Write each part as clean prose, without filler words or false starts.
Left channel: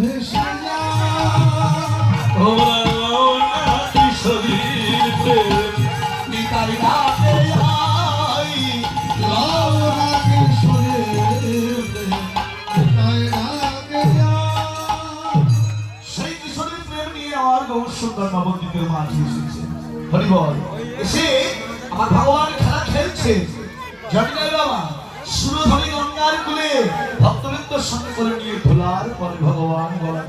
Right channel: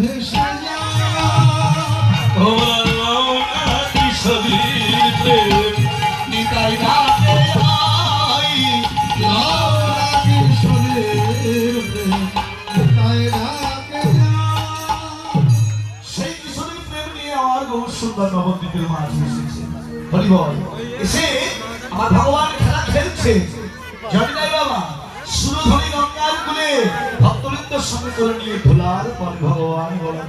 ভেসে যায় নিতাই রাতে আই কৃষ্ণের নিতাই রাতে সেই কিশোরীর প্রেম নিয়ে আমার গৌর সুন্দর নবদ্বীপের মাঝে এসেছে হরি বল এসে আমার ভগবান খেলা খেলছে জানি না বাবা সুরধনী গঙ্গার কুলে ভক্তবৃন্দের সঙ্গে করে নিয়ে ধুলার পর ভগবান বলা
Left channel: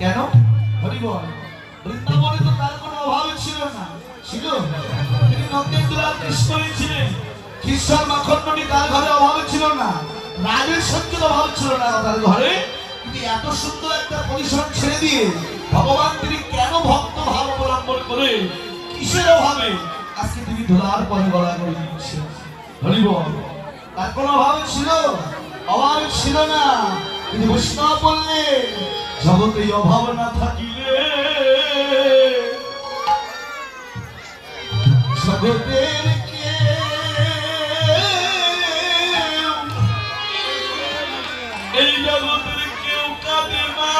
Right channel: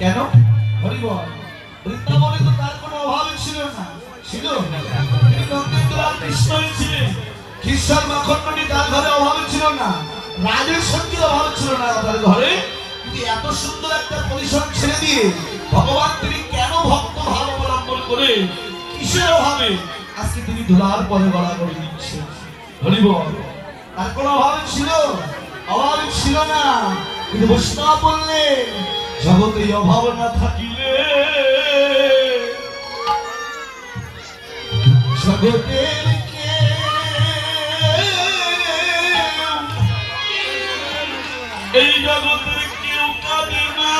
কেন হরি বল বৃন্দাবনে তো তার কোনো অভাব ছিল না ছিল তিনি নন্দের দুলাল কৃষ্ণই ছিলেন কৃষ্ণর মাখণ্ডনী তার ঘরে অভাব ছিল না রাজের সঙ্গে অভাব ছিল না তার ঘরে কিন্তু এত সুন্দর একটা পরিসর ছেড়ে দিয়ে ভগবান তিনি কেন ভক্ত ভাব অবলম্বন করে কিসের অভাবে আজকে তিনি ধুলার পরে গলা করে দিচ্ছেন হরি বল তার কোনো অভাব ছিল না কিন্তু বৈষ্ণব বললেন জগতে অভাব না থাকিলে জগতের এই জগতের কেউ কাঁদে না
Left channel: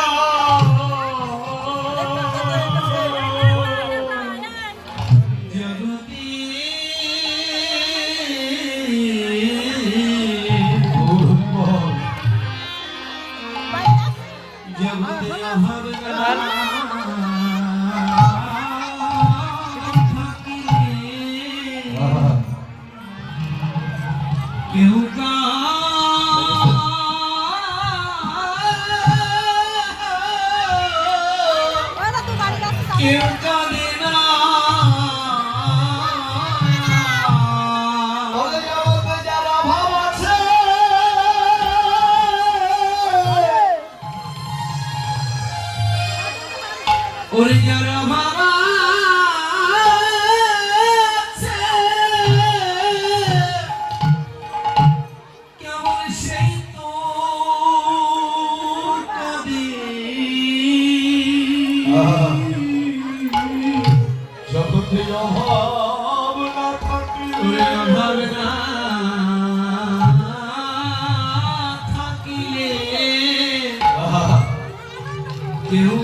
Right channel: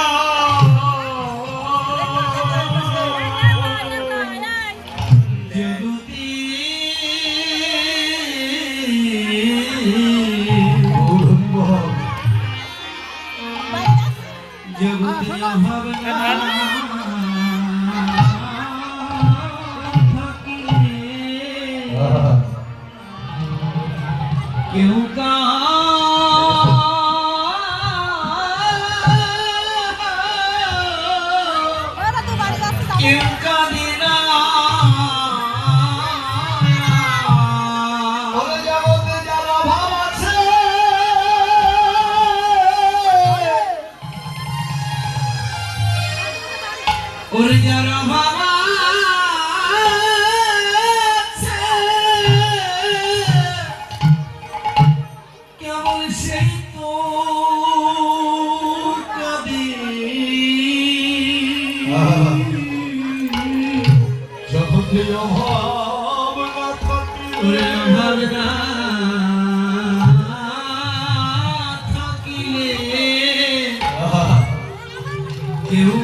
কেউ